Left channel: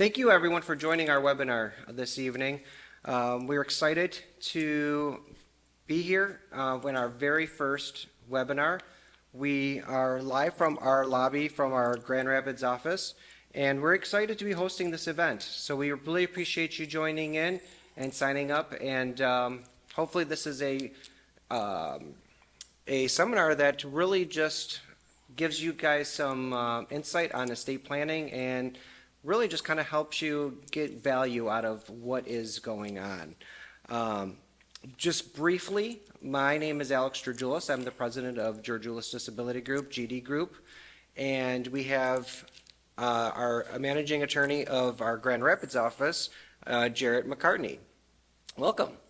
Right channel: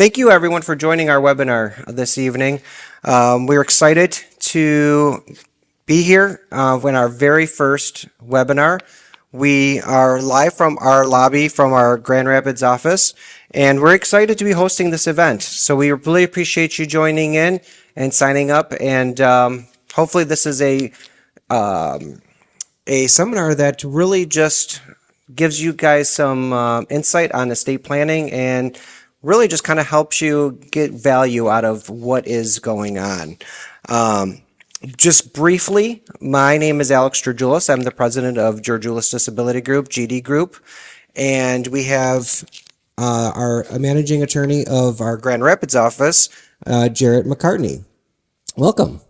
Thank you everyone for joining our webinar this evening. We're excited to be here in our very first webinar. We are live from our lobby from our Grand Rapids office, and we're excited to be hosting this event. So we really appreciate you joining in and signing up, and hopefully this is a seminar that really just gives you guys some insight on estate planning and really just kind of helps you get value out of what is going on. Just briefly, my name is Alex Georgioulis. I'm the president of Georgioulis Disability Group, GDGroup, and we have our managing attorney of our Grand Rapids office, Jarrett McCartney. Welcome.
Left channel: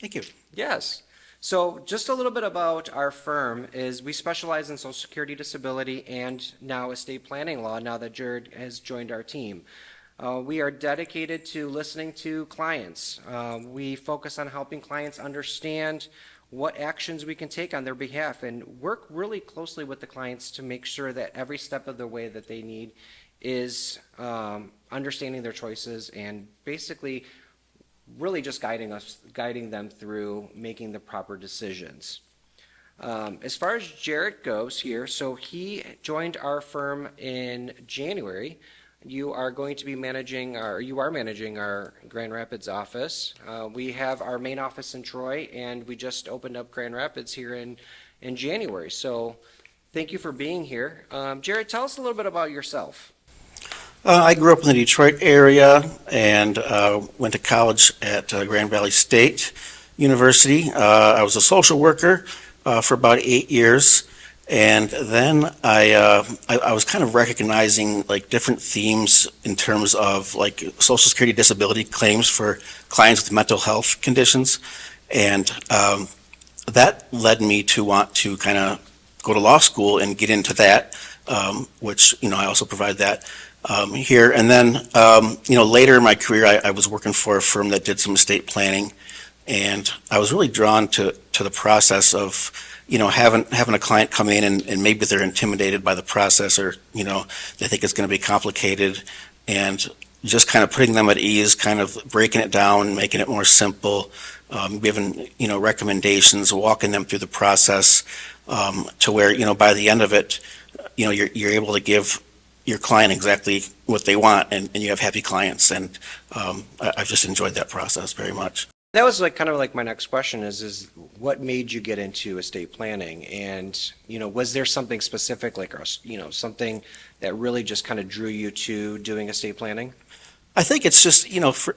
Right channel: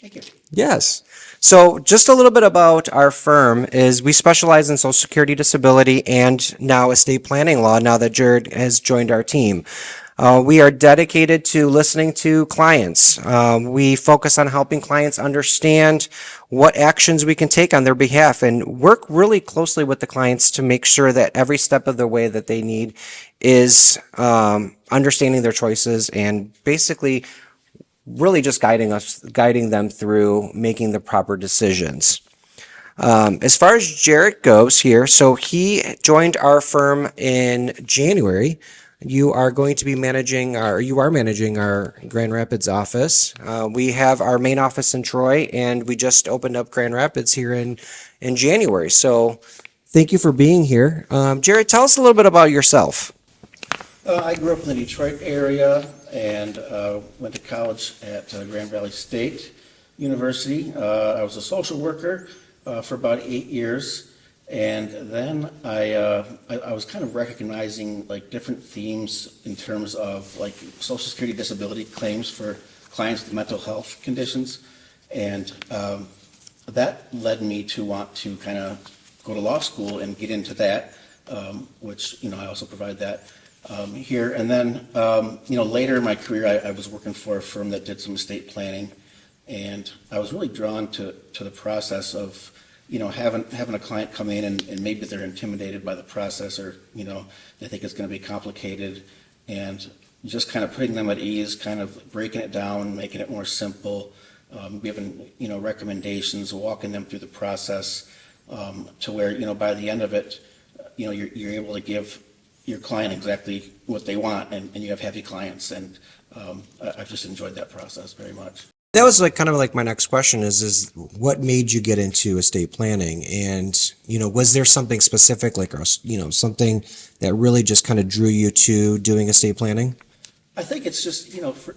Thank you. Yes. So just a little bit about our firm is we specialize in Social Security disability and now estate planning law now that Jared has joined our team. We are dedicated to listening to clients. We focus on helping clients understand what actions we can take on their behalf and work really closely with the clients to make sure that every step of the way that they need is understanding their choices and basically really just guiding them through making the proper decisions. As far as Jarrett goes here, so he joined our firm in January. You are going to be managing our Grand Rapids office. We have our main office in Troy, and we just opened up Grand Rapids here in January. So thank you for being here. Jarrett, tell us a little bit about yourself. I grew up in the Detroit area and went to college at Grand Valley State University. I was a social worker for about 8 years, and then I was kind of recognizing like different themes in terms of like Social Security disability claims for clients with mental health conditions, and that led me to want to kind of go to law school and get into that, which I also provide that. Here. And then, later in my career, I was working for a firm that did some estate planning, and I was really drawn to the process of, having a client come in and maybe they're intimidated by the process or, they think it's going to be complicated, and just kind of putting them at ease, kind of breaking it down, making it more simple, giving, recommendations, walking them through the process, to where, by the end of it, you're able to give your client exactly what they want, and you have happy clients, and I've just enjoyed that process very much. That was kind of my next question is what made you get into estate planning, and was there something specific something that really just kind of drew you to doing estate planning? I think it's just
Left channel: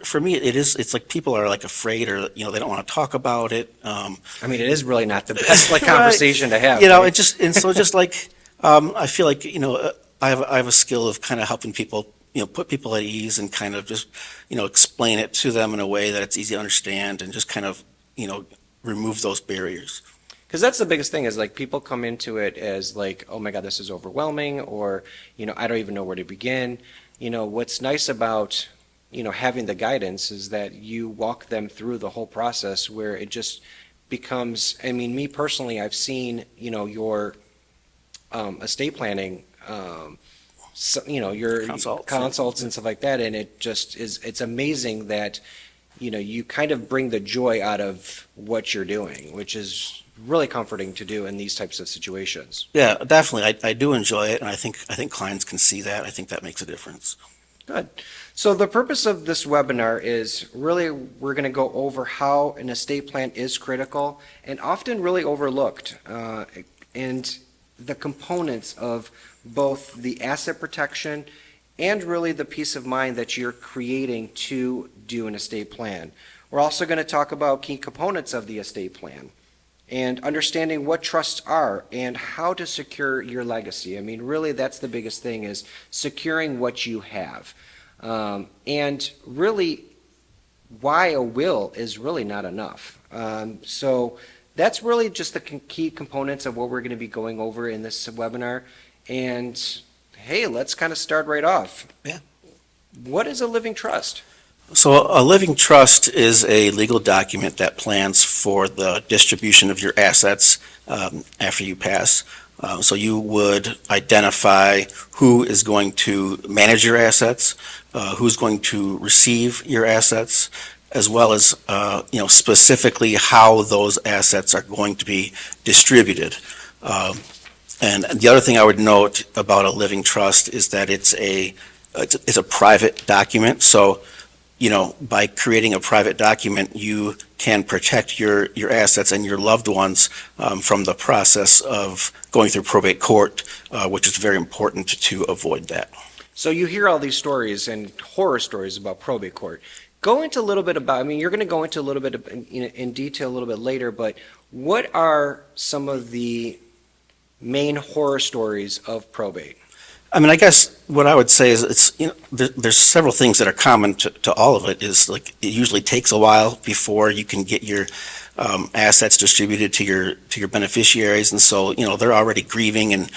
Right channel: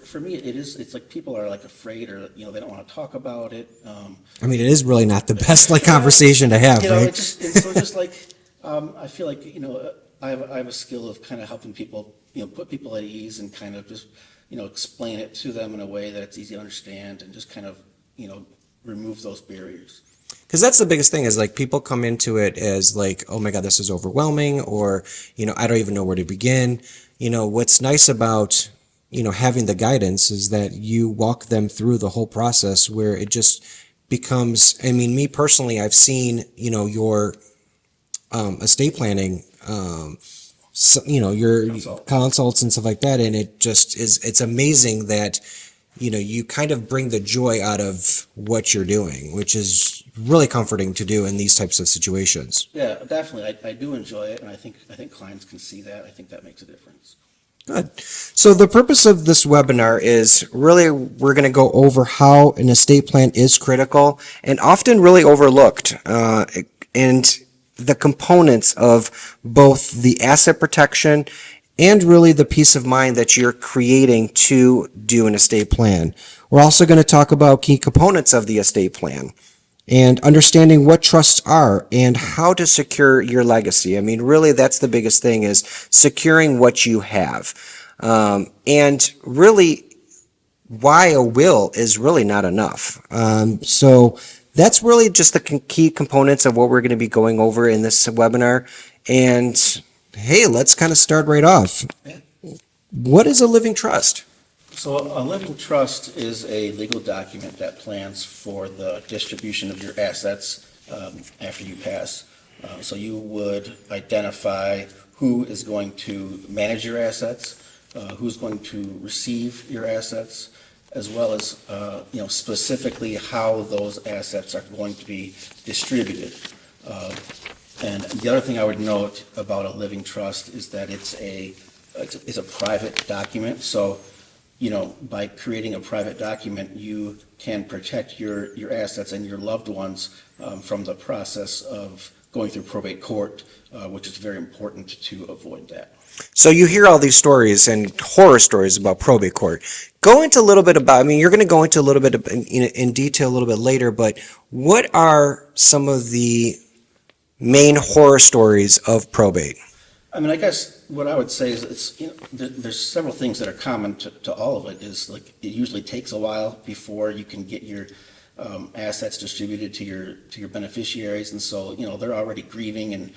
for me it's like people are like afraid or they don't want to talk about it. It is really not the best conversation to have. Right? I feel like I have a skill of kind of helping people, put people at ease and kind of just, explain it to them in a way that it's easy to understand and just kind of, remove those barriers. Because that's the biggest thing is people come into it as oh my God, this is overwhelming, or, I don't even know where to begin. What's nice about, having the guidance is that you walk them through the whole process where it just becomes, me personally, I've seen, your estate planning your consults and stuff like that, and it just it's amazing that you kind of bring the joy out of what you're doing, which is really comforting to do in these types of situations. Yeah, definitely. I do enjoy it, and I think clients can see that. I think that makes a difference. Good. So the purpose of this webinar is really we're going to go over how an estate plan is critical and often really overlooked, and the components of both the asset protection and really the peace of mind that you're creating to do an estate plan. We're also going to talk about key components of the estate plan and understanding what trusts are and how to secure your legacy. Really that's the biggest thing is securing what you have. And really why a will is really not enough. So that's really just the key components of what we're going to be going over in this webinar. And hey, let's kind of start right off. Yeah. What is a living trust? So a living trust is a legal document that plans for the distribution of your assets after you pass. So you would identify who is going to manage your assets, who's going to receive your assets, as well as, specifically how those assets are going to be distributed. And the other thing I would note about a living trust is that it's a private document. So, by creating a private document, you can protect your assets and your loved ones from the process of going through probate court, which is very important to avoid that. So you hear all these stories and horror stories about probate court. Go into a little bit about, I mean, you're going to go into a little bit in detail a little bit later, but what are some of the main horror stories of probate? I mean, I guess what I would say is there's several things that are common to all of it. Is like it usually takes a while before you can get your assets distributed to your beneficiaries, and so they're already grieving, and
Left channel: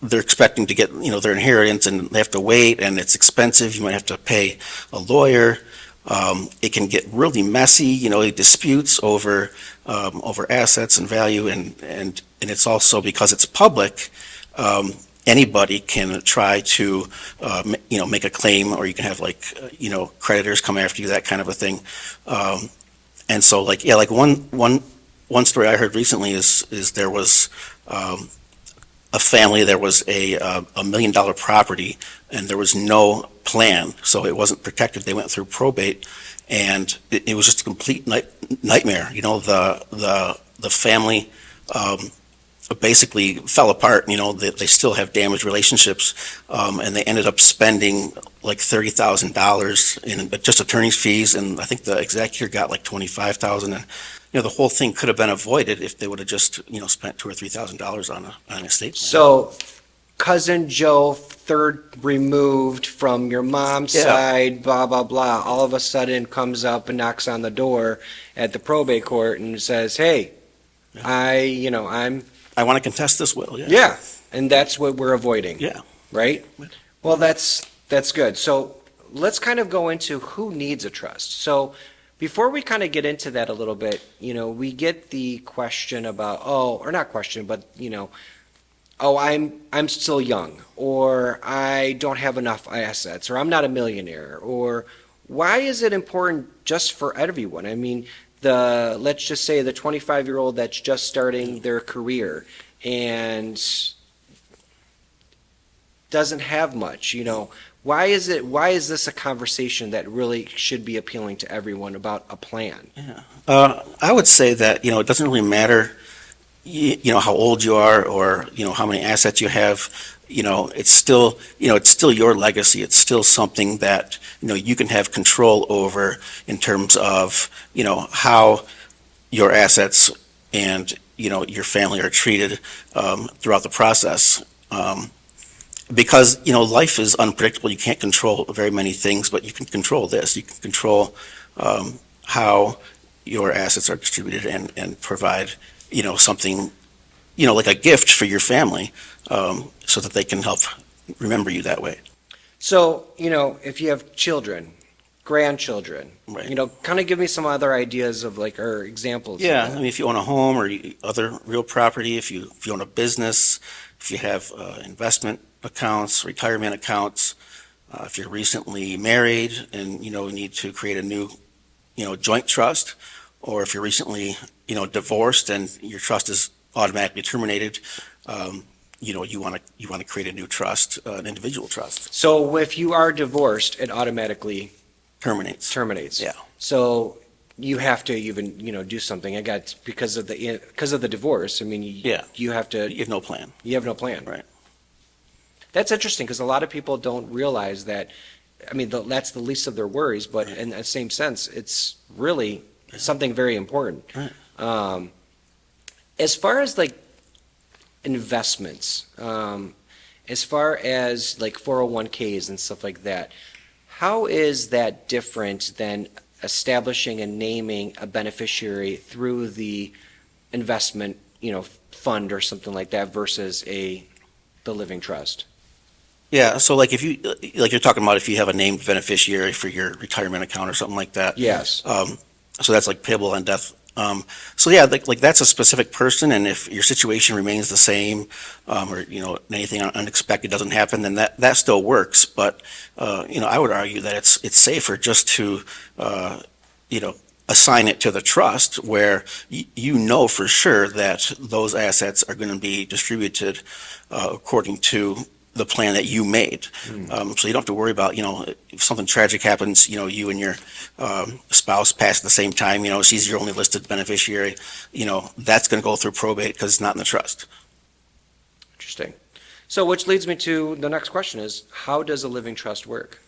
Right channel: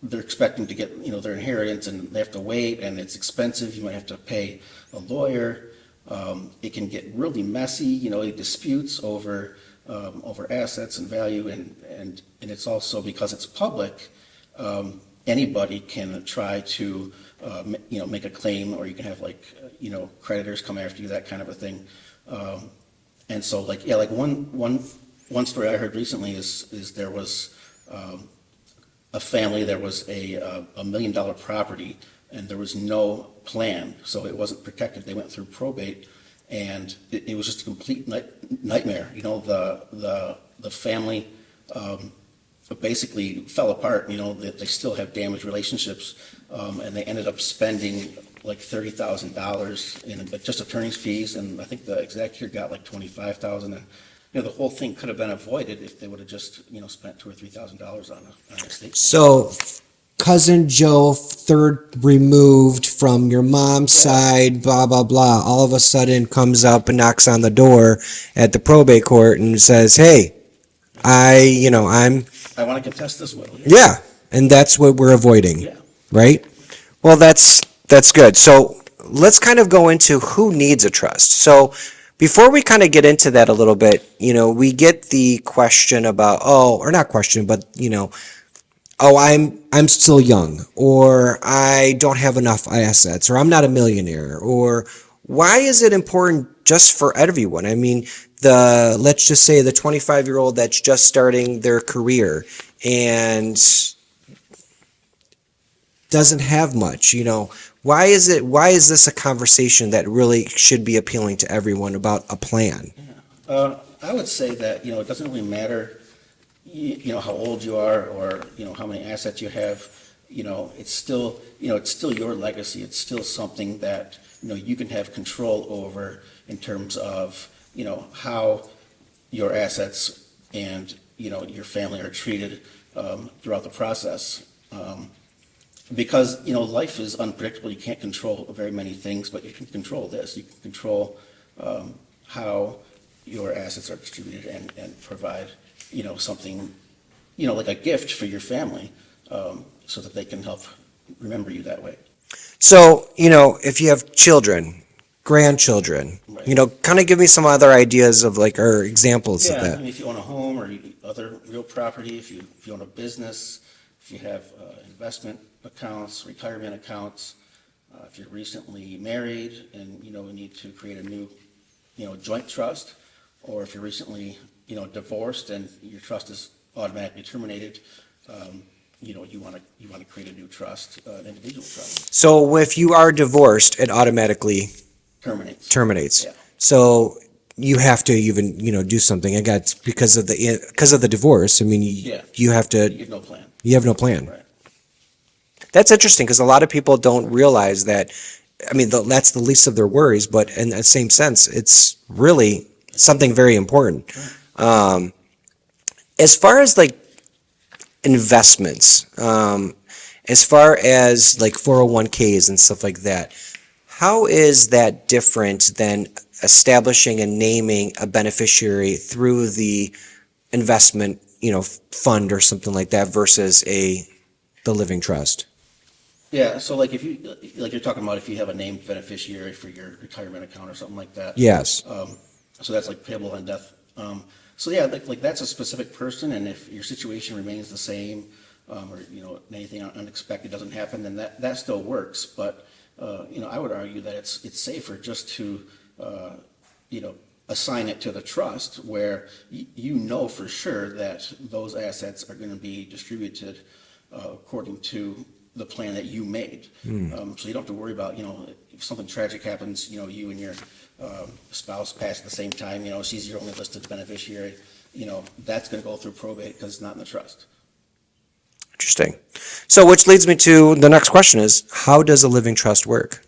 they're expecting to get their inheritance, and they have to wait, and it's expensive. You might have to pay a lawyer. It can get really messy, disputes over assets and value, and it's also because it's public. Anybody can try to, make a claim, or you can have creditors come after you, that kind of a thing. And so one story I heard recently is there was a family, there was a $1 million property, and there was no plan, so it wasn't protected. They went through probate, and it was just a complete nightmare. The family basically fell apart. They still have damaged relationships, and they ended up spending like $30,000 in just attorney's fees, and I think the executor got like $25,000. And the whole thing could have been avoided if they would have just spent $2,000 or $3,000 on an estate plan. So, cousin Joe, third removed from your mom's side, blah blah blah, all of a sudden comes up and knocks on the door at the probate court and says, "Hey, I want to contest this will." Yeah, and that's what we're avoiding. Yeah. Right? Well, that's good. So let's kind of go into who needs a trust. So before we kind of get into that a little bit, we get the question about, or not question, but I'm still young, or I don't have enough assets, or I'm not a millionaire, or why is it important just for everyone? I mean, let's just say the 25-year-old that's just starting their career and doesn't have much, why is this a conversation that really should be appealing to everyone about a plan? Yeah. I would say that, it doesn't really matter, how old you are, or, how many assets you have. It's still your legacy. It's still something that, you can have control over in terms of, how your assets and, your family are treated throughout the process. Because, life is unpredictable. You can't control very many things, but you can control this. You can control how your assets are distributed and provide, something, like a gift for your family, so that they can help remember you that way. So, if you have children, grandchildren, Right. kind of give me some other ideas of or examples Yeah, of I that. mean, if you own a home or other real property, if you own a business, if you have investment accounts, retirement accounts, if you're recently married and need to create a new joint trust, or if you're recently divorced and your trust is automatically terminated, you want to create a new trust, an individual trust. So if you are divorced, it automatically Terminates. Yeah. So you have to even do something. I got because of the divorce. I mean, you have to. You have no plan. You have no plan. Right. That's interesting because a lot of people don't realize that. I mean, that's the least of their worries, but in the same sense, it's really something very important. Right. As far as investments, as far as 401ks and stuff like that, how is that different than establishing and naming a beneficiary through the investment, fund or something like that versus the living trust? Yeah, so if you you're talking about if you have a named beneficiary for your retirement account or something like that. Yes. So that's payable on death So yeah, like that's a specific person, and if your situation remains the same, or anything unexpected doesn't happen, then that still works. But I would argue that it's safer just to you know assign it to the trust where you know for sure that those assets are going to be distributed according to the plan that you made. So you don't have to worry about, if something tragic happens, you and your spouse pass at the same time, she's your only listed beneficiary, that's going to go through probate because it's not in the trust. Interesting. So which leads me to the next question is, how does a living trust work?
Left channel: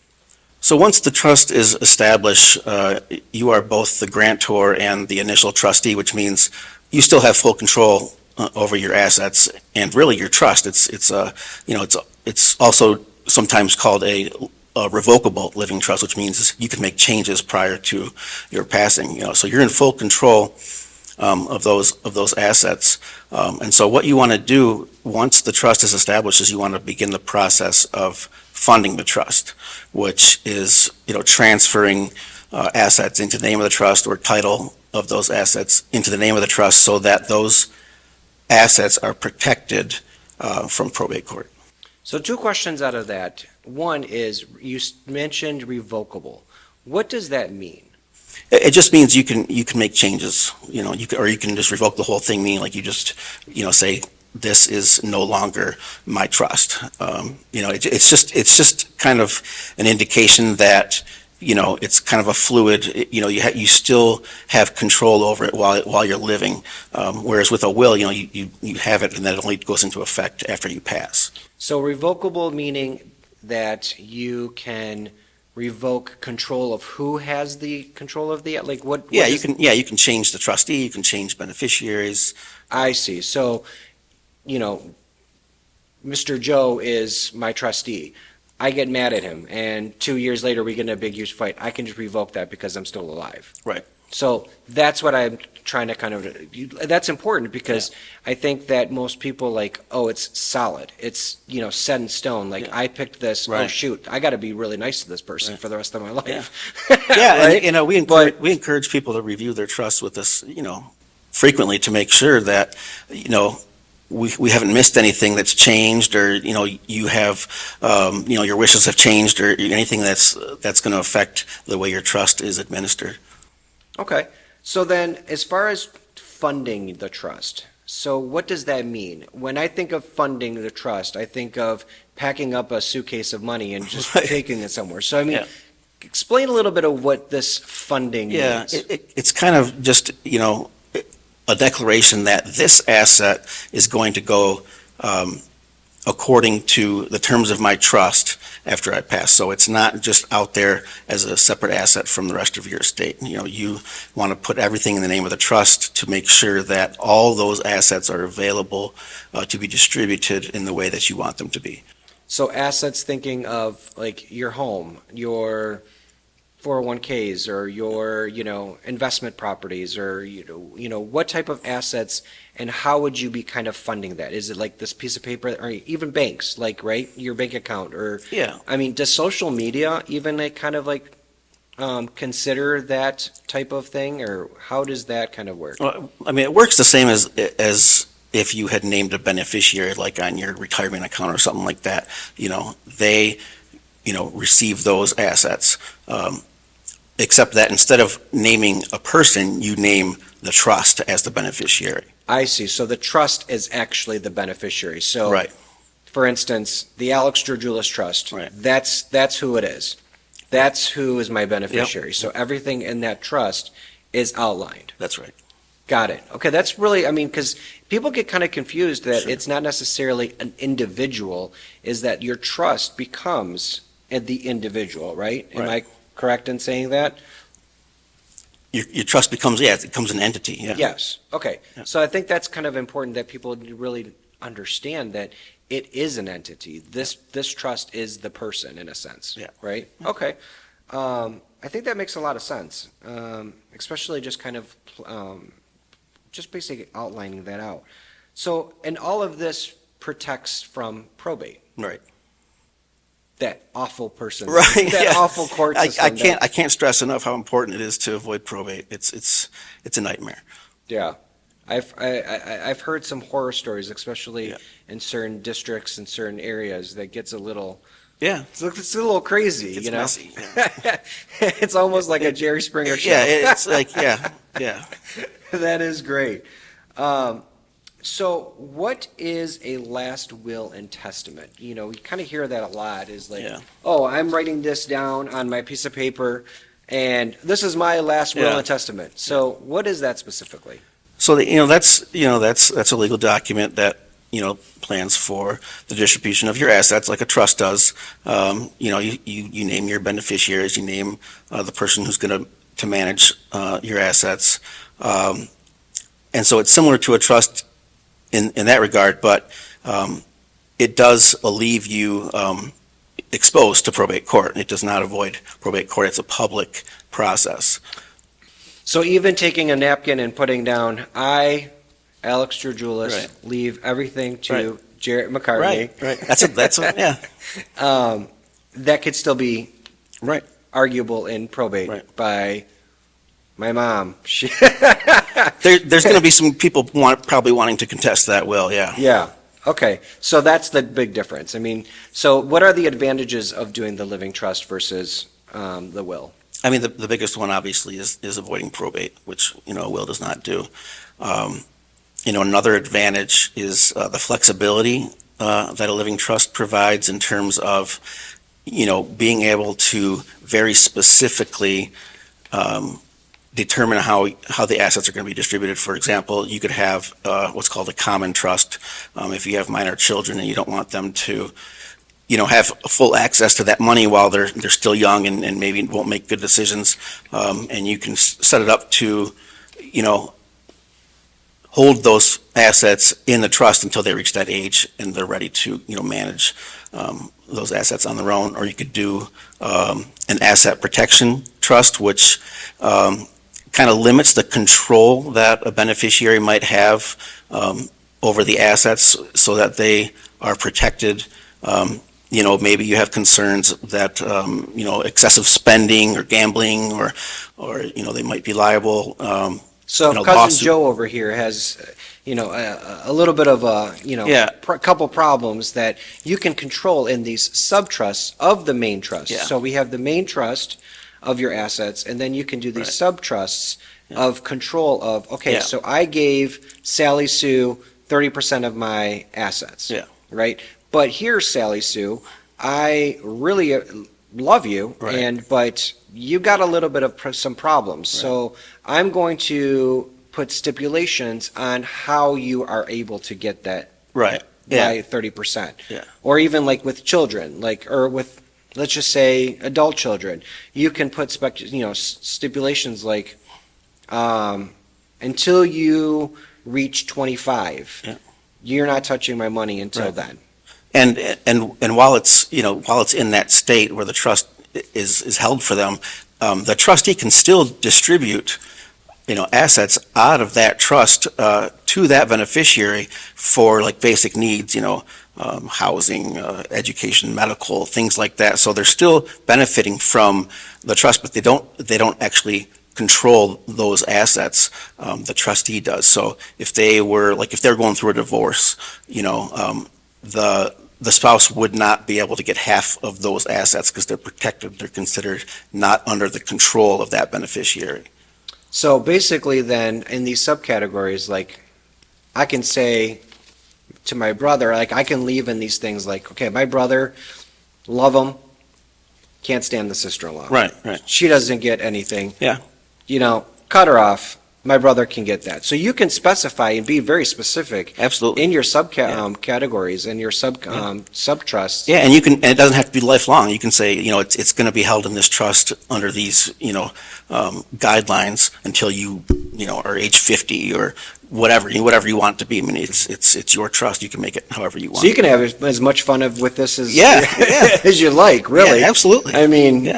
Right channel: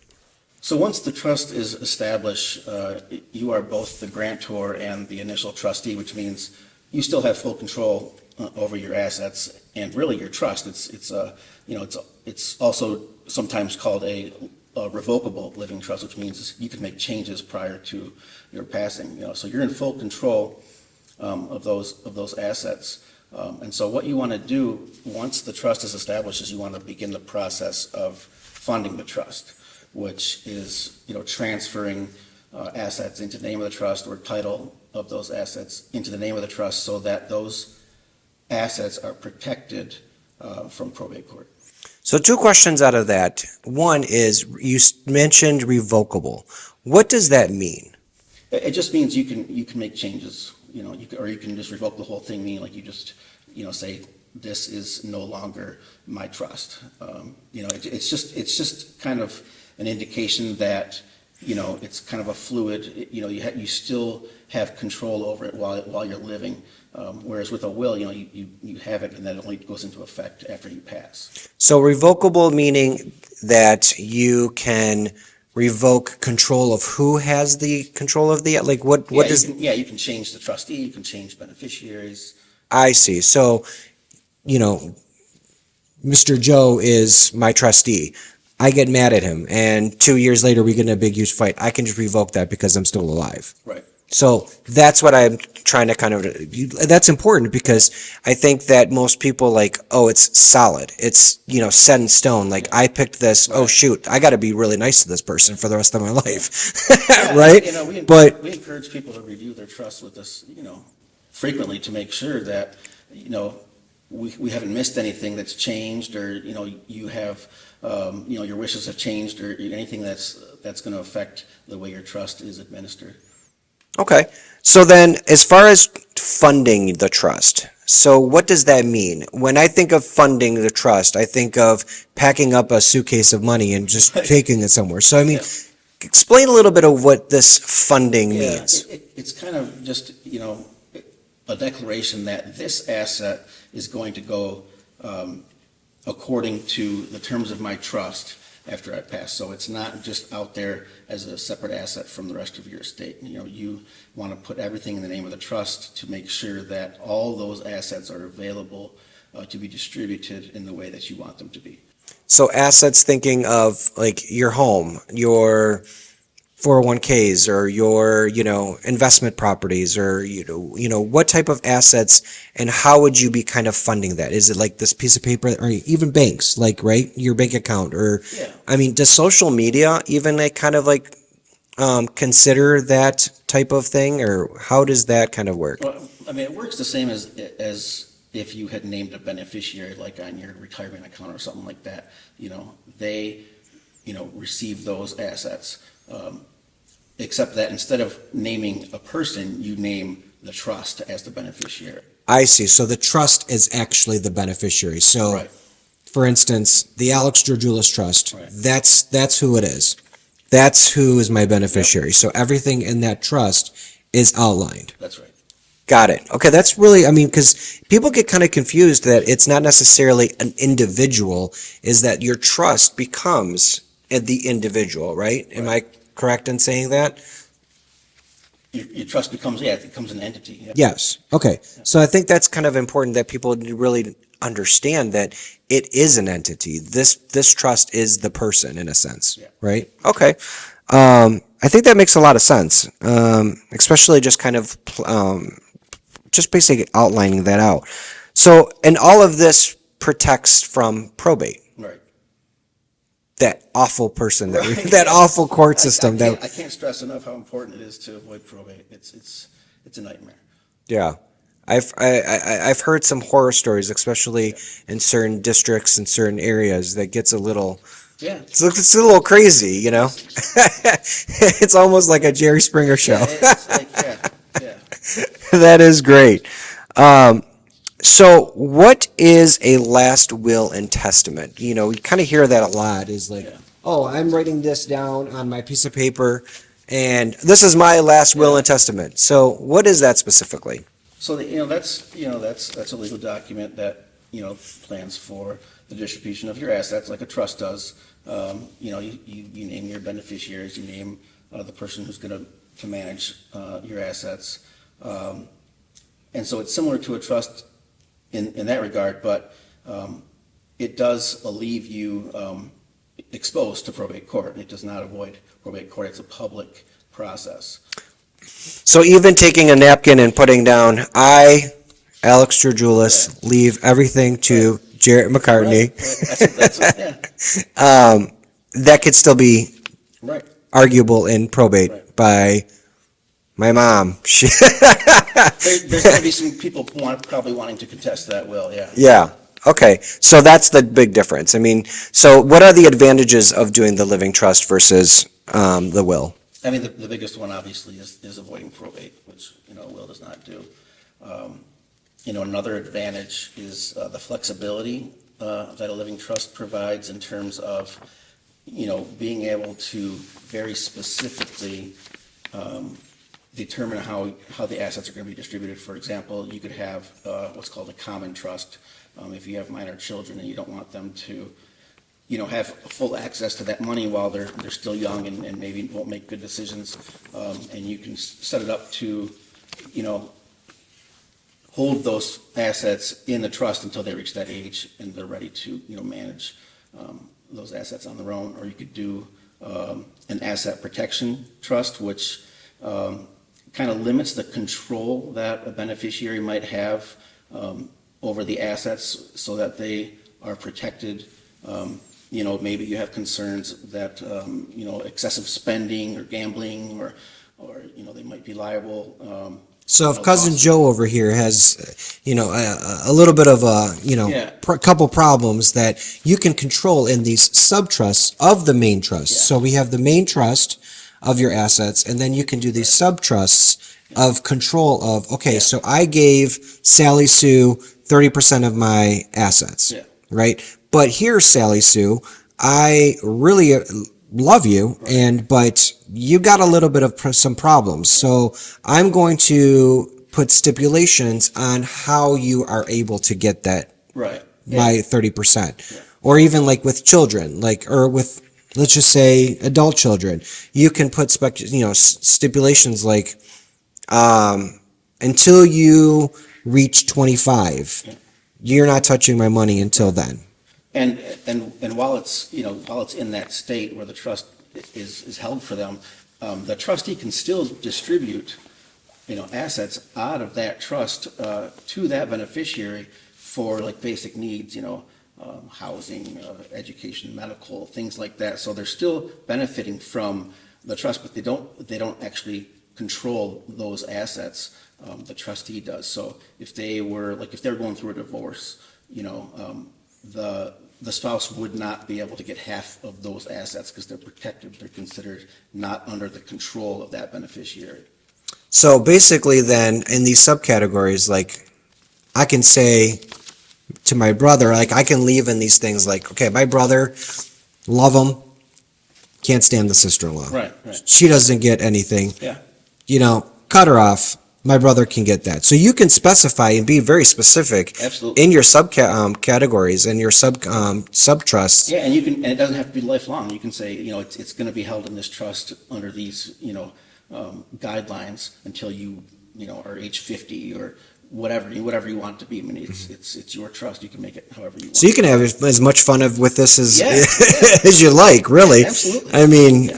So once the trust is established, you are both the grantor and the initial trustee, which means you still have full control over your assets and really your trust. It's also sometimes called a revocable living trust, which means you can make changes prior to your passing. So you're in full control of those assets. And so what you want to do once the trust is established is you want to begin the process of funding the trust, which is transferring assets into the name of the trust or title of those assets into the name of the trust so that those assets are protected from probate court. So two questions out of that. One is, you mentioned revocable. What does that mean? It just means you can make changes, or you can just revoke the whole thing, meaning like you just, say, this is no longer my trust. It's just kind of an indication that, it's kind of a fluid, you still have control over it while you're living. Whereas with a will, you have it and then it only goes into effect after you pass. So revocable meaning that you can revoke control of who has the control of the, like what? You can change the trustee, you can change beneficiaries. I see. So, Mr. Joe is my trustee. I get mad at him, and 2 years later we get in a big, huge fight. I can just revoke that because I'm still alive. Right. So that's what I'm trying to that's important because I think that most people it's solid. It's, set in stone. Like I picked this, Right. Oh shoot, I got to be really nice to this person for the rest of my life. Yeah, right? and, we encourage people to review their trusts with us, frequently to make sure that, we haven't missed anything that's changed, or you have your wishes have changed, or anything that's going to affect the way your trust is administered. Okay. So then, as far as funding the trust, so what does that mean? When I think of funding the trust, I think of packing up a suitcase of money and just Right. taking it somewhere. So I mean, Yeah. explain a little bit of what this funding Yeah, means. it's kind of just a declaration that this asset is going to go according to the terms of my trust after I pass. So it's not just out there as a separate asset from the rest of your estate. You want to put everything in the name of the trust to make sure that all those assets are available to be distributed in the way that you want them to be. So assets, thinking of like your home, your 401ks, or your, investment properties, or, what type of assets, and how would you be kind of funding that? Is it like this piece of paper, or even banks, like, right, your bank account, or, Yeah. I mean, does social media even kind of consider that type of thing, or how does that kind of work? Well, I mean, it works the same as if you had named a beneficiary, like on your retirement account or something like that. They receive those assets. Except that instead of naming a person, you name the trust as the beneficiary. I see. So the trust is actually the beneficiary. So, Right. for instance, the Alex Georgioulas Trust, Right. that's who it is. That's who is my beneficiary. So everything in that trust is outlined. That's right. Got it. Okay, that's really, I mean, because people get kind of confused that it's not necessarily an individual, is that your trust becomes the individual, right? Am I correct in saying that? Your trust becomes, it becomes an entity, yeah. Yes. Okay. So I think that's kind of important that people really understand that it is an entity. This trust is the person in a sense, Yeah. right? Okay. I think that makes a lot of sense, especially just kind of just basically outlining that out. So, and all of this protects from probate. Right. that awful person, Right, that yeah. awful court system. I can't stress enough how important it is to avoid probate. It's a nightmare. Yeah. I've heard some horror stories, especially Yeah. in certain districts and certain areas, that gets a little, Yeah. it's a little crazy, you know? Messy. It's almost like a Jerry Springer show. Yeah, it's like, yeah. That is great. So what is a last will and testament? You know, we kind of hear that a lot, is like, Yeah. oh, I'm writing this down on my piece of paper and this is my last will Yeah. and testament. So what is that specifically? So that's a legal document that plans for the distribution of your assets, like a trust does. You name your beneficiaries, you name the person who's going to manage your assets, and so it's similar to a trust in that regard, but it does leave you exposed to probate court. It does not avoid probate court. It's a public process. So even taking a napkin and putting down, I, Alex Georgioulis, Right. leave everything to Jarrett McCartney. Right. That's yeah. That could still be Right. arguable in probate Right. by my mom. There's going to be some people probably wanting to contest that will. Yeah. Yeah. Okay. So that's the big difference. I mean, so what are the advantages of doing the living trust versus the will? I mean, the biggest one obviously is avoiding probate, which a will does not do. Another advantage is the flexibility that a living trust provides in terms of being able to very specifically determine how the assets are going to be distributed. For example, you could have what's called a common trust. If you have minor children and you don't want them to have full access to that money while they're still young and maybe won't make good decisions, and you can set it up to hold those assets in the trust until they reach that age and they're ready to manage those assets on their own. Or you could do an asset protection trust, which kind of limits the control that a beneficiary might have over the assets so that they are protected. Maybe you have concerns that excessive spending or gambling or they might be liable. So if Cousin Joe over here has, a little bit of a, couple problems that you can control in these sub-trusts of the main trust. Yeah. So we have the main trust of your assets, and then you can do these sub-trusts of control of, so I gave Sally Sue 30% of my assets. Yeah. Right? But here, Sally Sue, I really love you, but you got a little bit of some problems. So I'm going to put stipulations on how you are able to get that by 30%. Yeah. Or even like with children, or with, let's just say, adult children, you can put stipulations like until you reach 25, you're not touching my money until then. And while it's in that state where the trust is held for them, the trustee can still distribute assets out of that trust to that beneficiary for like basic needs, housing, education, medical, things like that. So they're still benefiting from the trust, but they don't actually control those assets. The trustee does. So if they're going through a divorce, the spouse would not be able to get half of those assets because they're protected. They're considered not under the control of that beneficiary. So basically then, in these subcategories, like, I can say to my brother, like, I can leave in these things like, okay, my brother, love him, can't stand the sister-in-law. Right. She doesn't get anything. Yeah. Cut her off. My brother can get that. So you can specify and be very specific. Absolutely. In your categories and your sub-trusts. Yeah, and it doesn't have to be lifelong. You can say, it's going to be held in this trust under these, guidelines until you are age 50 or whatever you want it to be. I mean, it's your trust. You can make it however you want. So you can have as much fun with this as yeah. as you like, really. Yeah, absolutely. I mean,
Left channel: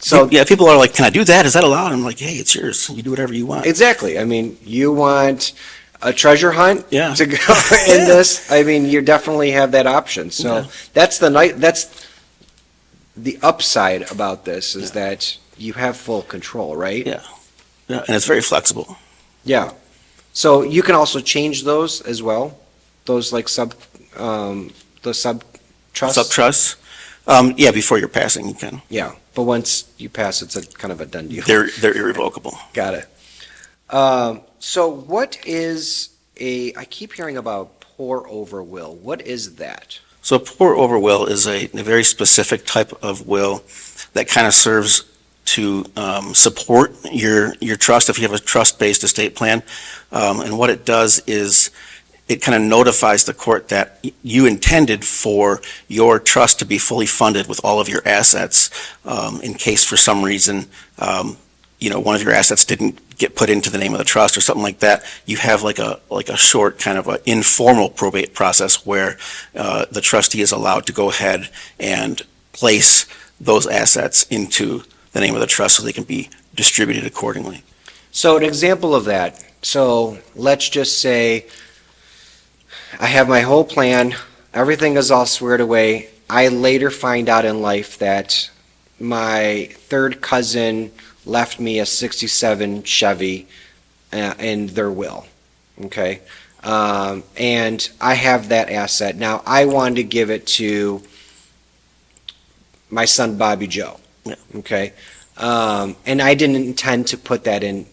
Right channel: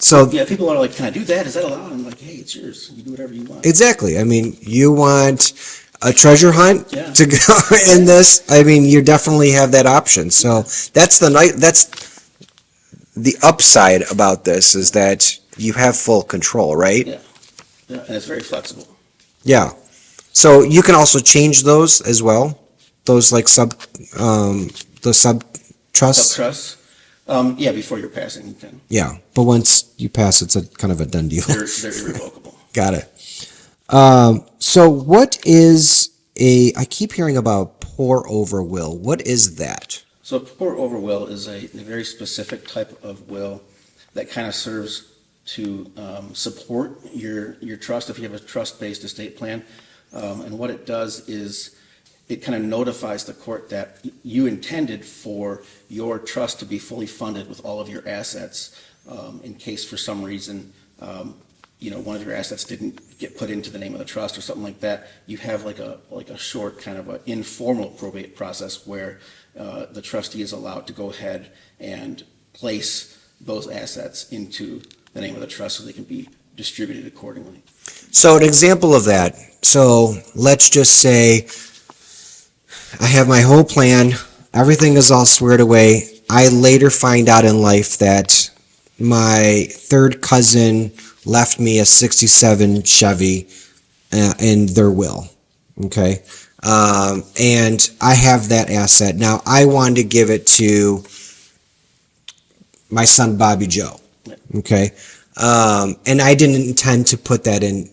so yeah, people are like, "Can I do that? Is that allowed?" I'm like, "Hey, it's yours. You do whatever you want." Exactly. I mean, you want a treasure hunt to go in this. I mean, you definitely have that option. So that's the upside about this is that you have full control, right? Yeah. Yeah, and it's very flexible. Yeah. So you can also change those as well, those like the sub trusts. Sub-trusts, yeah, before you're passing, you can. Yeah, but once you pass, it's a kind of a done deal. They're irrevocable. Got it. So what is I keep hearing about pour over will. What is that? So a pour over will is a very specific type of will that kind of serves to support your trust if you have a trust-based estate plan. And what it does is it kind of notifies the court that you intended for your trust to be fully funded with all of your assets in case for some reason one of your assets didn't get put into the name of the trust or something like that. You have like a short kind of an informal probate process where the trustee is allowed to go ahead and place those assets into the name of the trust so they can be distributed accordingly. So an example of that. So let's just say I have my whole plan. Everything is all squared away. I later find out in life that my third cousin left me a 67 Chevy in their will. Okay. And I have that asset. Now I wanted to give it to my son, Bobby Joe. Yeah. Okay. And I didn't intend to put that in.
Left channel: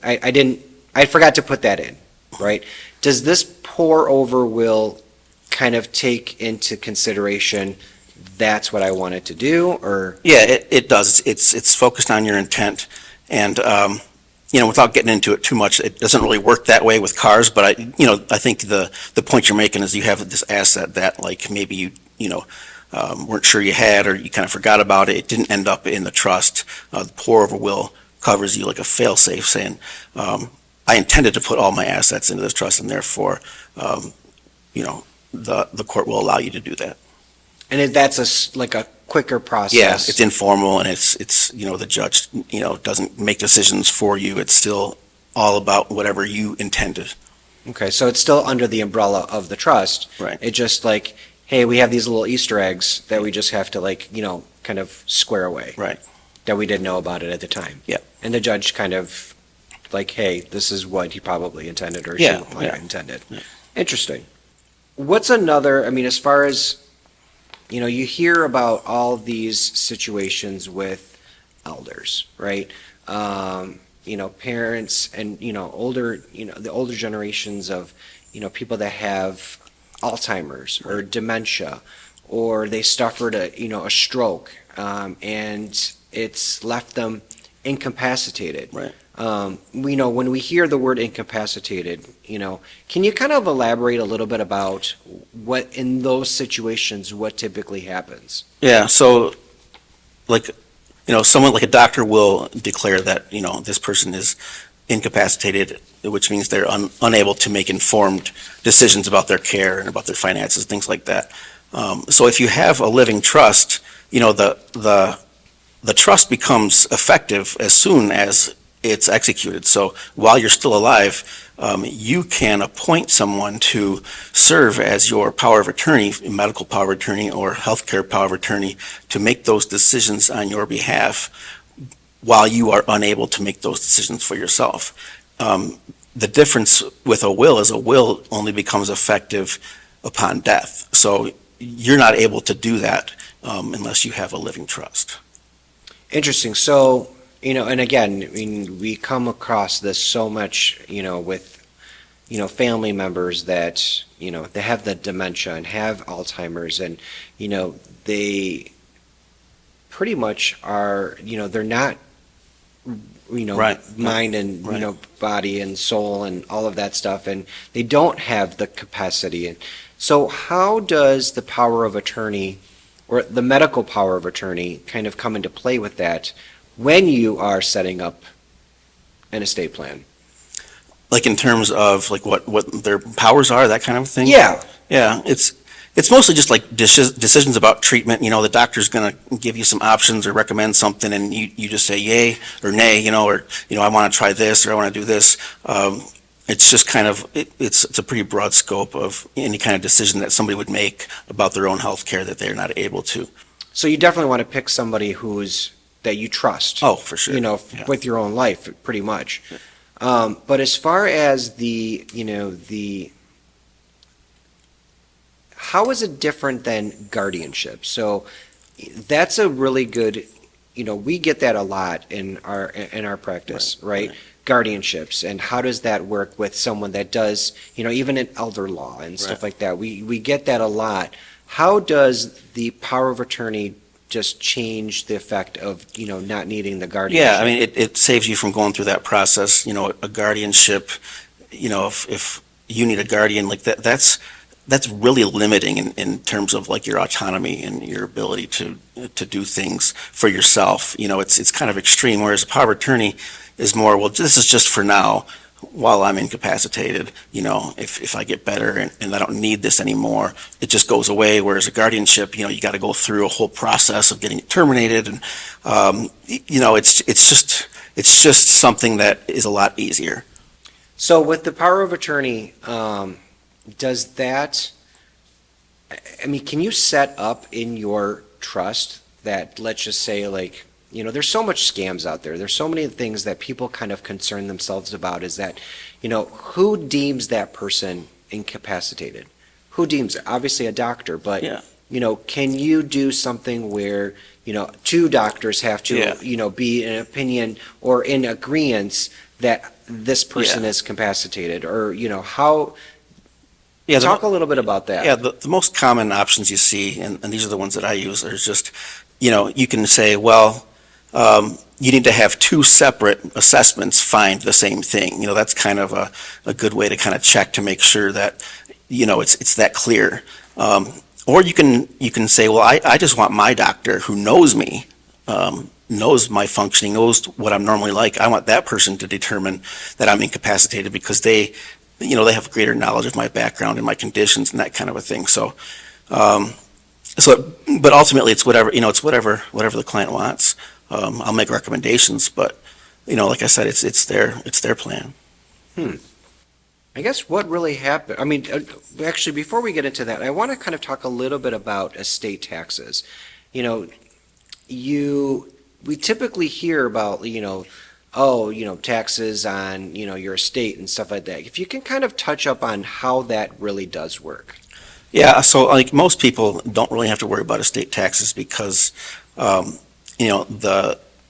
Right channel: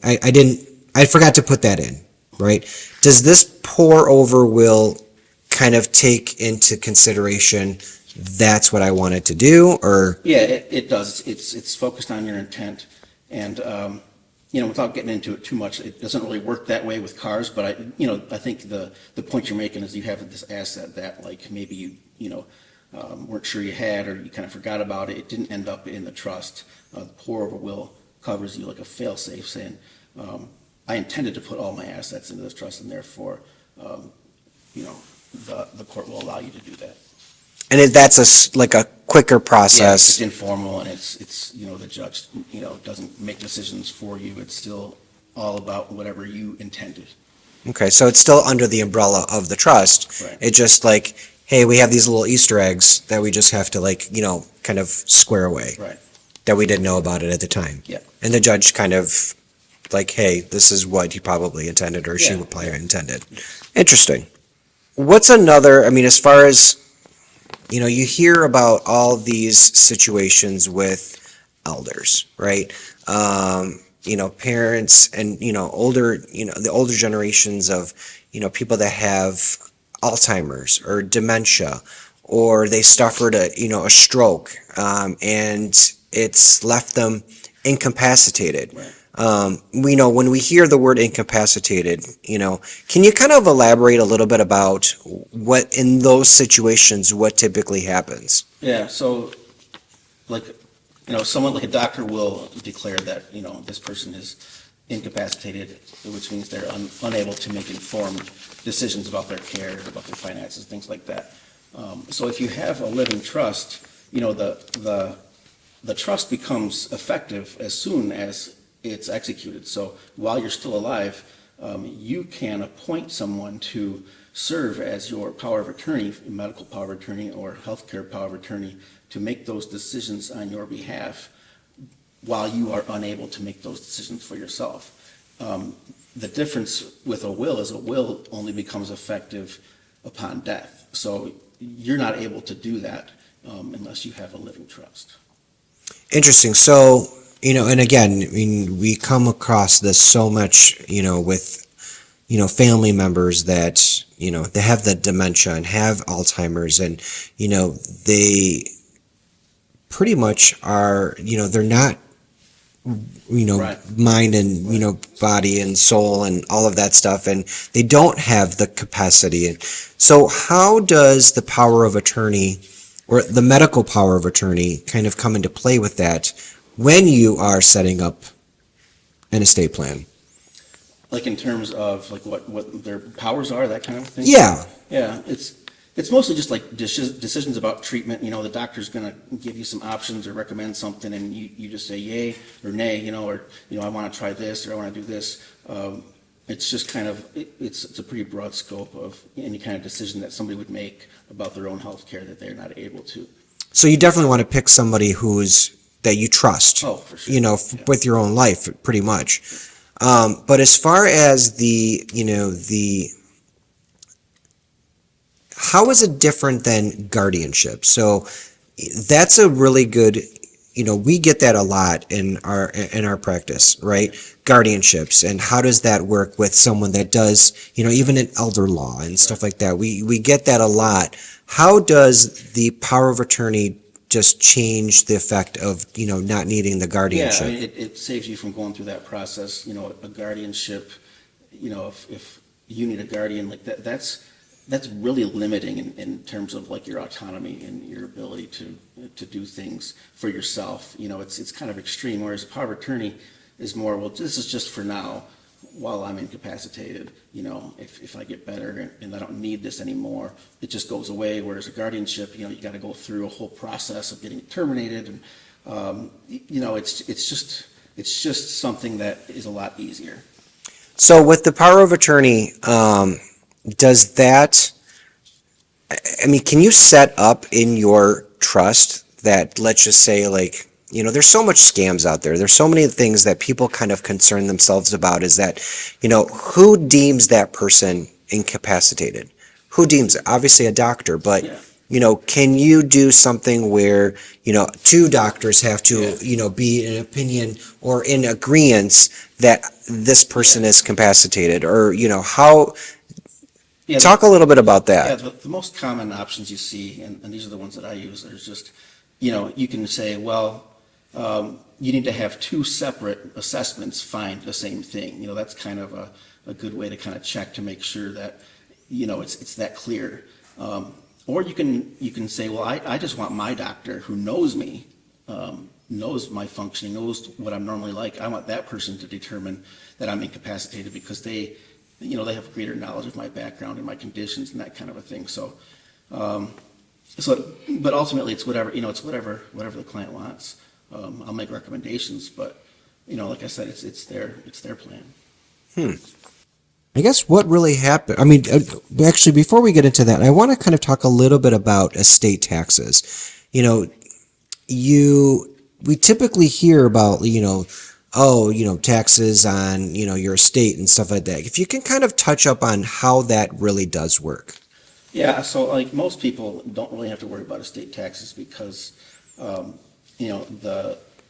I forgot to put that in, right? Does this pour over will kind of take into consideration that's what I wanted to do, or? Yeah, it does. It's focused on your intent. And, without getting into it too much, it doesn't really work that way with cars. But I think the point you're making is you have this asset that like maybe you weren't sure you had, or you kind of forgot about it. It didn't end up in the trust. The pour over will covers you like a fail-safe, saying, I intended to put all my assets into this trust, and therefore, the court will allow you to do that. And that's like a quicker process. Yeah, it's informal, and it's the judge doesn't make decisions for you. It's still all about whatever you intended. Okay, so it's still under the umbrella of the trust. Right. It's just like, hey, we have these little Easter eggs that we just have to kind of square away. Right. That we didn't know about it at the time. Yeah. And the judge kind of like, hey, this is what he probably intended, or she probably intended. Yeah. Interesting. What's another, as far as, you hear about all these situations with elders, right? Parents and, older, the older generations of, people that have Alzheimer's or dementia, or they suffered a stroke, and it's left them incapacitated. Right. We know when we hear the word incapacitated, can you kind of elaborate a little bit about what in those situations, what typically happens? Yeah. So, someone like a doctor will declare that this person is incapacitated, which means they're unable to make informed decisions about their care and about their finances, things like that. So if you have a living trust, the trust becomes effective as soon as it's executed. So while you're still alive, you can appoint someone to serve as your power of attorney, medical power of attorney or healthcare power of attorney, to make those decisions on your behalf while you are unable to make those decisions for yourself. The difference with a will is a will only becomes effective upon death. So you're not able to do that unless you have a living trust. Interesting. So, and again, we come across this so much, with, family members that, they have the dementia and have Alzheimer's, and, they pretty much are, they're not, Right. mind and, Right. body and soul and all of that stuff, and they don't have the capacity. And so how does the power of attorney or the medical power of attorney kind of come into play with that when you are setting up an estate plan? Like in terms of like what their powers are, that kind of thing? Yeah. Yeah, it's mostly just like decisions about treatment. The doctor's going to give you some options or recommend something, and you just say yay or nay, or I want to try this or I want to do this. It's just kind of it's a pretty broad scope of any kind of decision that somebody would make about their own health care that they're not able to. So you definitely want to pick somebody that you trust. Oh, for sure. Yeah. With your own life, pretty much. But as far as how is it different than guardianship? So that's a really good, we get that a lot in our practice, right? Guardianships, and how does that work with someone that does, even in elder law and stuff like that? We get that a lot. How does the power of attorney just change the effect of, not needing the guardianship? Yeah, I mean, it saves you from going through that process. A guardianship, if you need a guardian like that, that's really limiting in terms of like your autonomy and your ability to do things for yourself. It's kind of extreme, whereas a power of attorney is more, well, this is just for now while I'm incapacitated. If I get better and I don't need this anymore, it just goes away. Whereas a guardianship, you got to go through a whole process of getting it terminated, and it's just something that is a lot easier. So with the power of attorney, does that, I mean, can you set up in your trust that, let's just say, like, there's so much scams out there. There's so many things that people kind of concern themselves about, is that, who deems that person incapacitated? Who deems it? Obviously a doctor, but, Yeah. Can you do something where, two doctors have to, Yeah. be in opinion or in agreement that this person is incapacitated, or, how, Yeah, talk a little bit about that. Yeah, the most common options you see, and these are the ones that I use, are just, you can say, well, you need to have two separate assessments find the same thing. That's kind of a good way to kind of check to make sure that, it's that clear. Or you can say, well, I just want my doctor who knows me, knows my functioning, knows what I'm normally like. I want that person to determine that I'm incapacitated because they have greater knowledge of my background and my conditions and that kind of a thing. But ultimately it's whatever, it's whatever the client wants. I'll make recommendations, but like I said, it's their plan. I guess what really happened, I mean, actually, before we get into that, I want to kind of talk a little bit about estate taxes. We typically hear about, taxes on, your estate and stuff like that. If you can kind of touch up on how that really does work. Yeah, so like most people don't really have to worry about estate taxes because,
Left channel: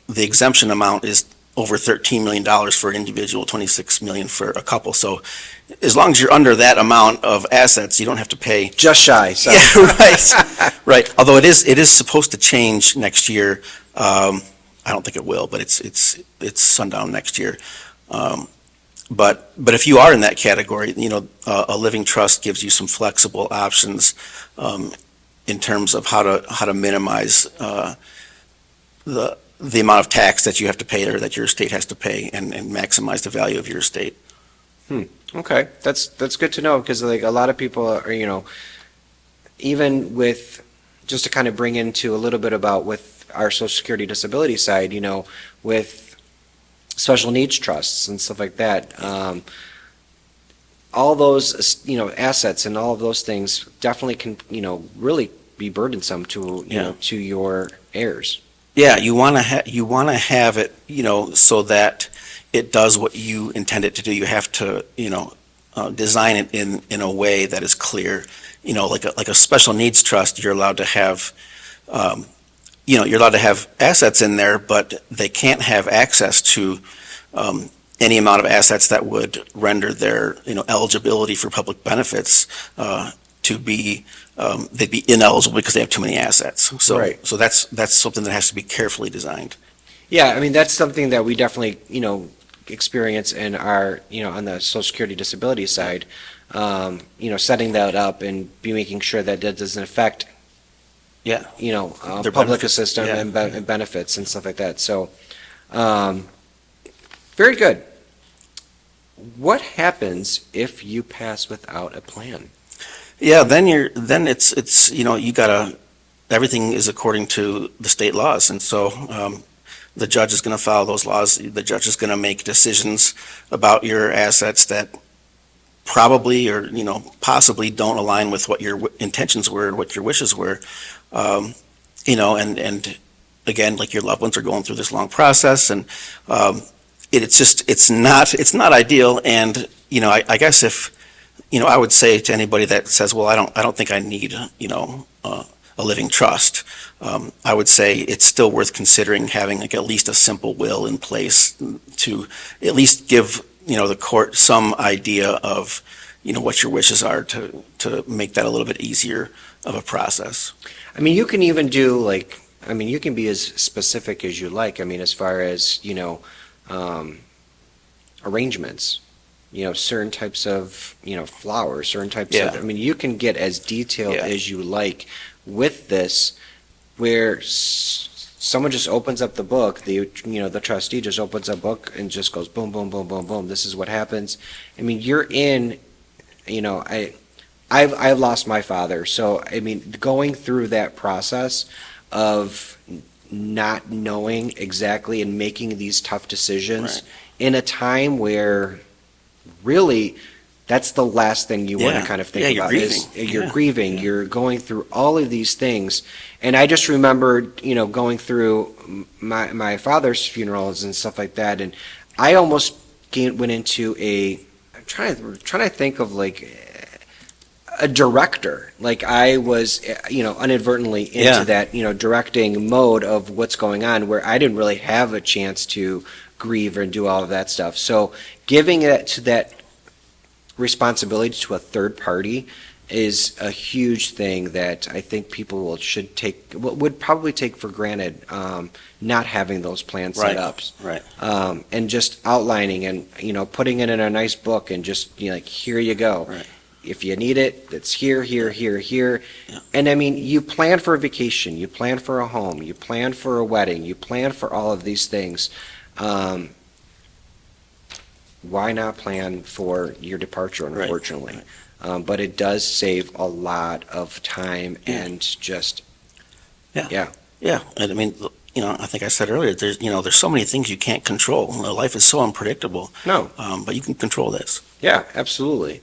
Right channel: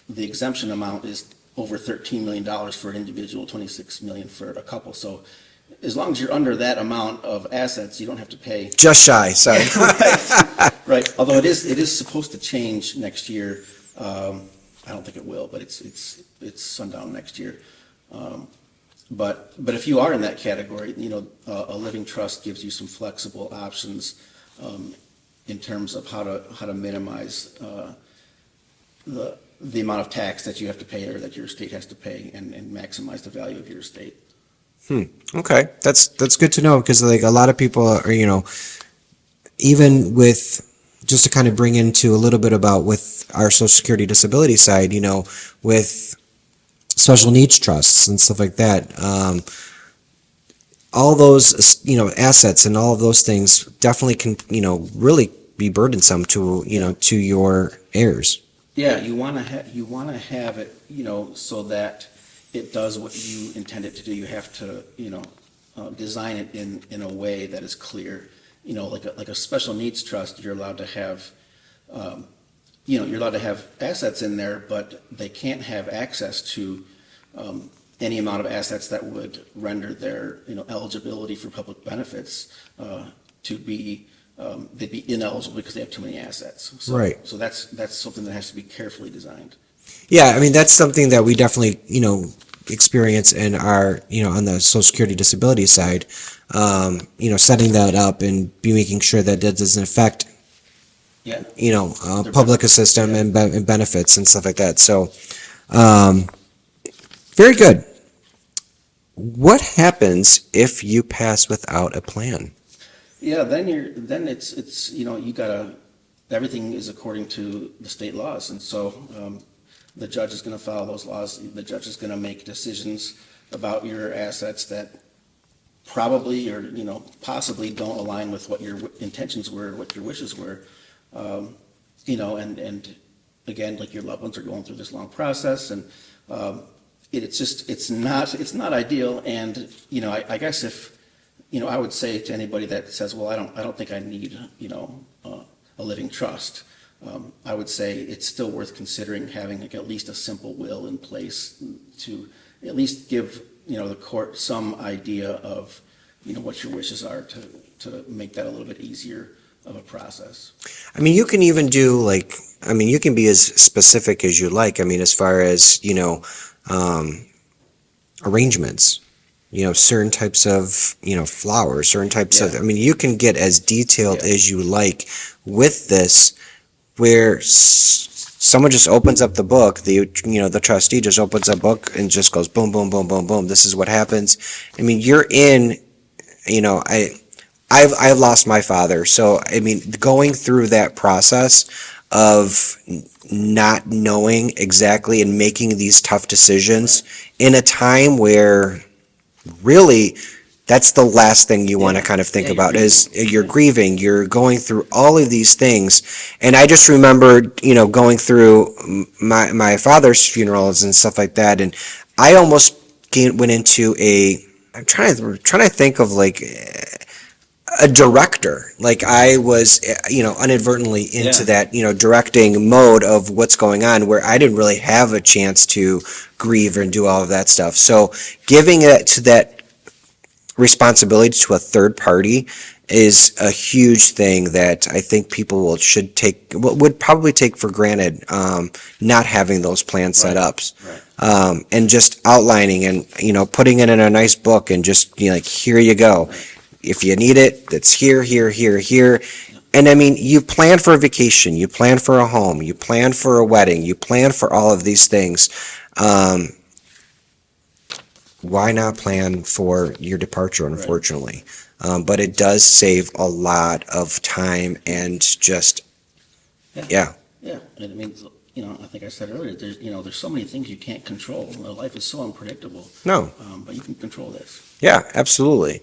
the exemption amount is over $13 million for an individual, $26 million for a couple. So as long as you're under that amount of assets, you don't have to pay. Just shy. So. Yeah, right, right. Although it is supposed to change next year. I don't think it will, but it's sundown next year. But if you are in that category, a living trust gives you some flexible options in terms of how to minimize the amount of tax that you have to pay or that your estate has to pay, and maximize the value of your estate. Okay, that's good to know, because like a lot of people are, even with, just to kind of bring into a little bit about with our Social Security disability side, with special needs trusts and stuff like that, all those, assets and all of those things definitely can, really be burdensome to, to your heirs. Yeah, you want to have it, so that it does what you intend it to do. You have to, design it in a way that is clear. Like a special needs trust, you're allowed to have, you're allowed to have assets in there, but they can't have access to any amount of assets that would render their, eligibility for public benefits to be, they'd be ineligible because they have too many assets. So, Right. so that's something that has to be carefully designed. Yeah, I mean, that's something that we definitely, experience in our, on the Social Security disability side, setting that up and be making sure that that doesn't affect, Yeah. public Their benefits, assistance yeah. and benefits and stuff like that. So, very good. What happens if you pass without a plan? Yeah, then it's you gotta, everything is according to the state laws, and so the judge is going to follow those laws. The judge is going to make decisions about your assets that probably or possibly don't align with what your intentions were, what your wishes were, and again, like your loved ones are going through this long process, and it's not ideal. And I guess if I would say to anybody that says, well, I don't think I need a living trust. I would say it's still worth considering having like at least a simple will in place to at least give the court some idea of what your wishes are to make that a little bit easier of a process. I mean, you can even do you can be as specific as you like. I mean, as far as, arrangements, certain types of, flowers, certain types of, Yeah. I mean, you can get as detailed Yeah. as you like with this, where someone just opens up the book, the trustee just opens up a book and just goes boom, boom, boom, boom, boom. This is what happens. I mean, you're in, I've lost my father. So, I mean, going through that process of not knowing exactly and making these tough decisions in a time where really that's the last thing you want to Yeah. kind of think Yeah, you're about is grieving. you're Yeah. grieving, you're going through all of these things. And I just remembered, going through my father's funerals and stuff like that. And I almost went into I'm trying to think of like a director. Like I was, inadvertently into Yeah. that, directing mode of what's going on where I didn't really have a chance to grieve and do all of that stuff. So giving it to that responsibility to a third party is a huge thing that I think people would probably take for granted, not having those plans set Right. up, Right. and just outlining and putting it in a nice book and just like here you go. Right. If you need it, that's here, here, here, here. Yeah. And I mean, you plan for a vacation, you plan for a home, you plan for a wedding, you plan for all of these things. Why not plan for your departure, unfortunately? But it does save a lot of time and just, Yeah. Yeah, and I mean, I think I said earlier, there's so many things you can't control. Life is so unpredictable. No. But you can control this. Yeah, absolutely.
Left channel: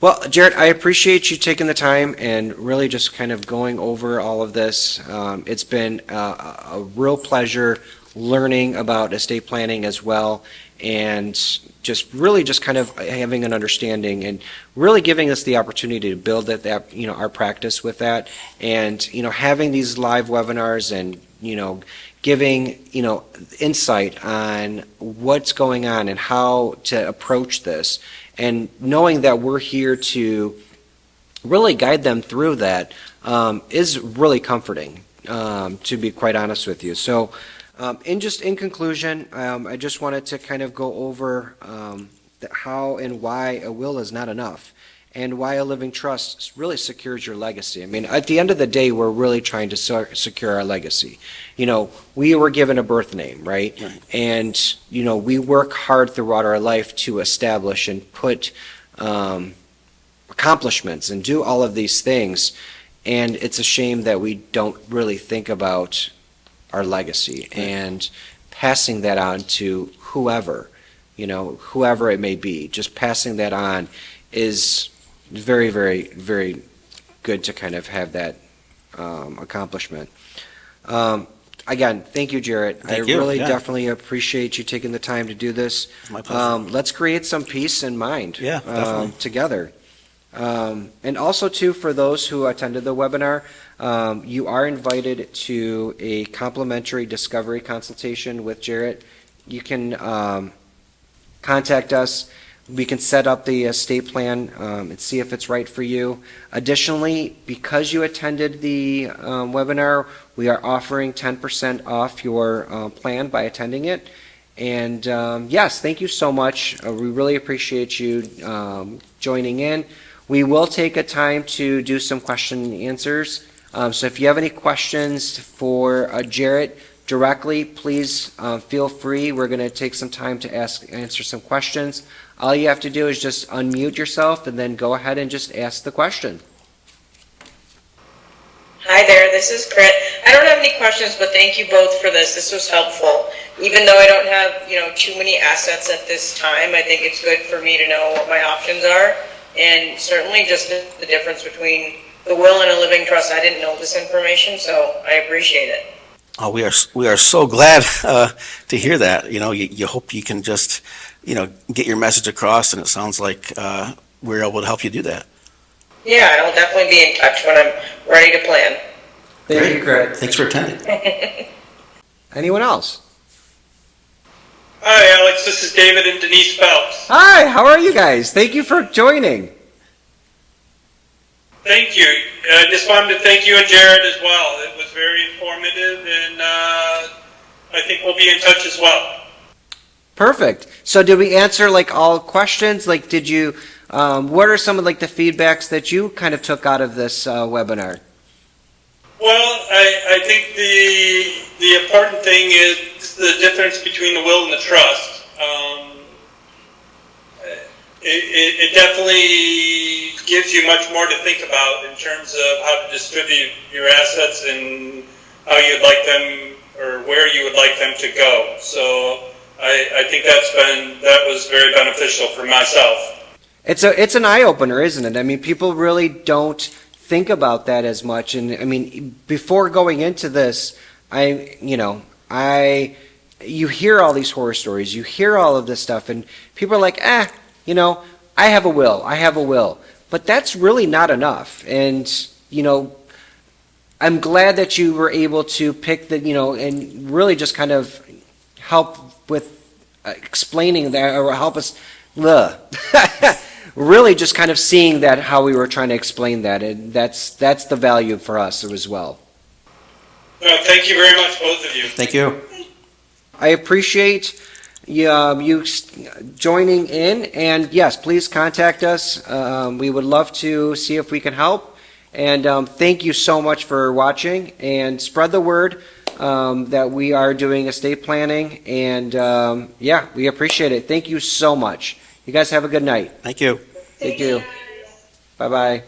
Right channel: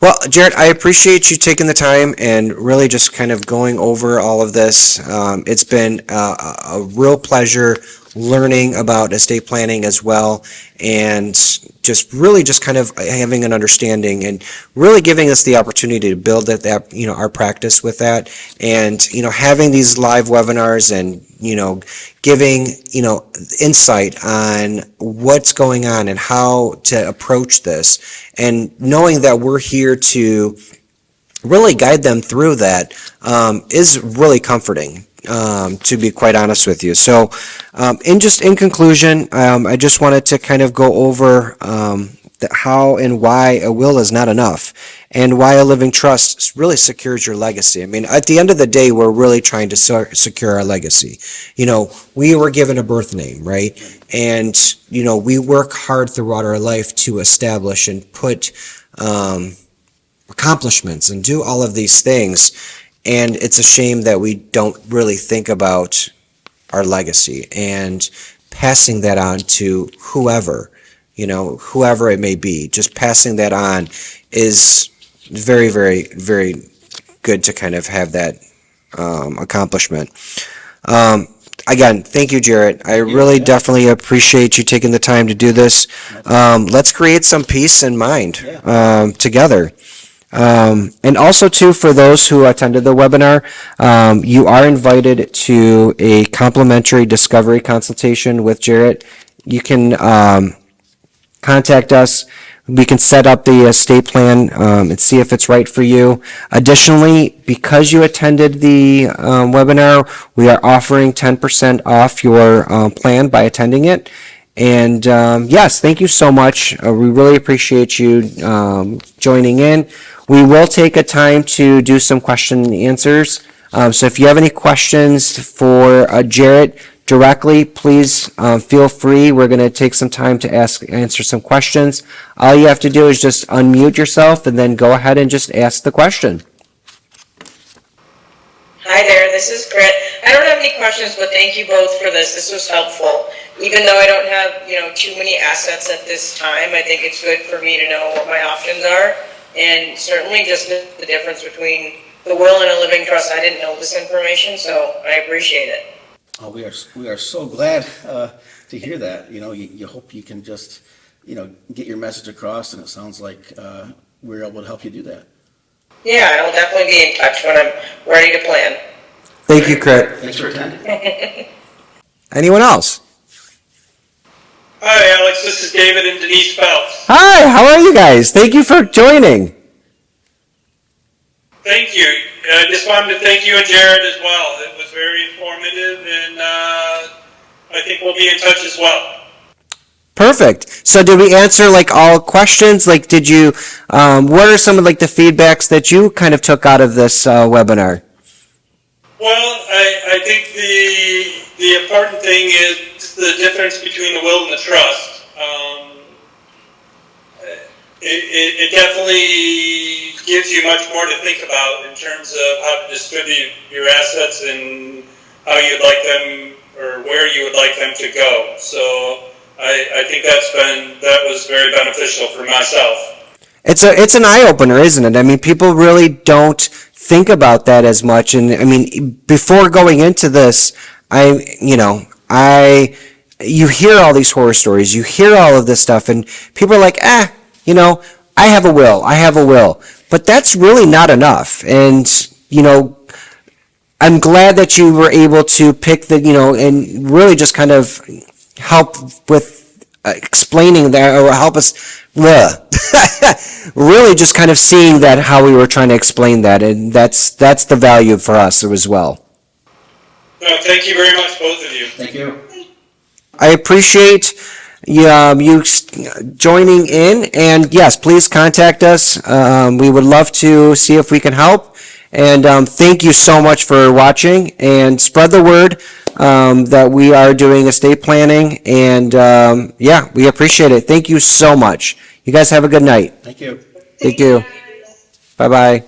Well, Jared, I appreciate you taking the time and really just kind of going over all of this. It's been a real pleasure learning about estate planning as well, and just kind of having an understanding and really giving us the opportunity to build our practice with that, and having these live webinars and giving insight on what's going on and how to approach this, and knowing that we're here to really guide them through that is really comforting, to be quite honest with you. So in conclusion, I just wanted to kind of go over how and why a will is not enough, and why a living trust really secures your legacy. I mean, at the end of the day, we're really trying to secure our legacy. We were given a birth name, right? And, we work hard throughout our life to establish and put accomplishments and do all of these things. And it's a shame that we don't really think about our legacy and passing that on to whoever it may be. Just passing that on is very, very, very good to kind of have that accomplishment. Again, thank you, Jarrett. I you, really yeah. definitely appreciate you taking the time to do this. Let's create some peace and mind together. And also, too, for those who attended the webinar, you are invited to a complimentary discovery consultation with Jarrett. You can contact us. We can set up the estate plan and see if it's right for you. Additionally, because you attended the webinar, we are offering 10% off your plan by attending it. And yes, thank you so much. We really appreciate you joining in. We will take a time to do some question and answers. So if you have any questions for Jarrett directly, please feel free. We're going to take some time to answer some questions. All you have to do is just unmute yourself and then go ahead and just ask the question. Hi there, this is Grit. I don't have any questions, but thank you both for this. This was helpful. Even though I don't have, too many assets at this time, I think it's good for me to know what my options are, and certainly just the difference between the will and a living trust. I didn't know this information, so I appreciate it. Oh, we are so glad to hear that. You hope you can just, get your message across, and it sounds like we're able to help you do that. Yeah, I'll definitely be in touch when I'm ready to plan. Thank you, Craig. Thanks for attending. Anyone else? Hi, Alex. This is David and Denise Phelps. Hi, how are you guys? Thank you for joining. Thank you. I just wanted to thank you and Jared as well. It was very informative, and I think we'll be in touch as well. Perfect. So did we answer like all questions? Like, did you, what are some of like the feedbacks that you kind of took out of this webinar? Well, I think the important thing is the difference between the will and the trust. It definitely gives you much more to think about in terms of how to distribute your assets and how you'd like them or where you would like them to go. So I think that was very beneficial for myself. It's an eye-opener, isn't it? I mean, people really don't think about that as much. And I mean, before going into this, you hear all these horror stories, you hear all of this stuff, and people are like, I have a will. But that's really not enough. And, I'm glad that you were able to pick and really just kind of help with explaining that, or help us really just kind of seeing that, how we were trying to explain that. And that's the value for us as well. No, thank you very much, both of you. Thank you. I appreciate you joining in, and yes, please contact us. We would love to see if we can help. And thank you so much for watching, and spread the word that we are doing estate planning. And we appreciate it. Thank you so much. You guys have a good night. Thank you. Thank you. Bye-bye.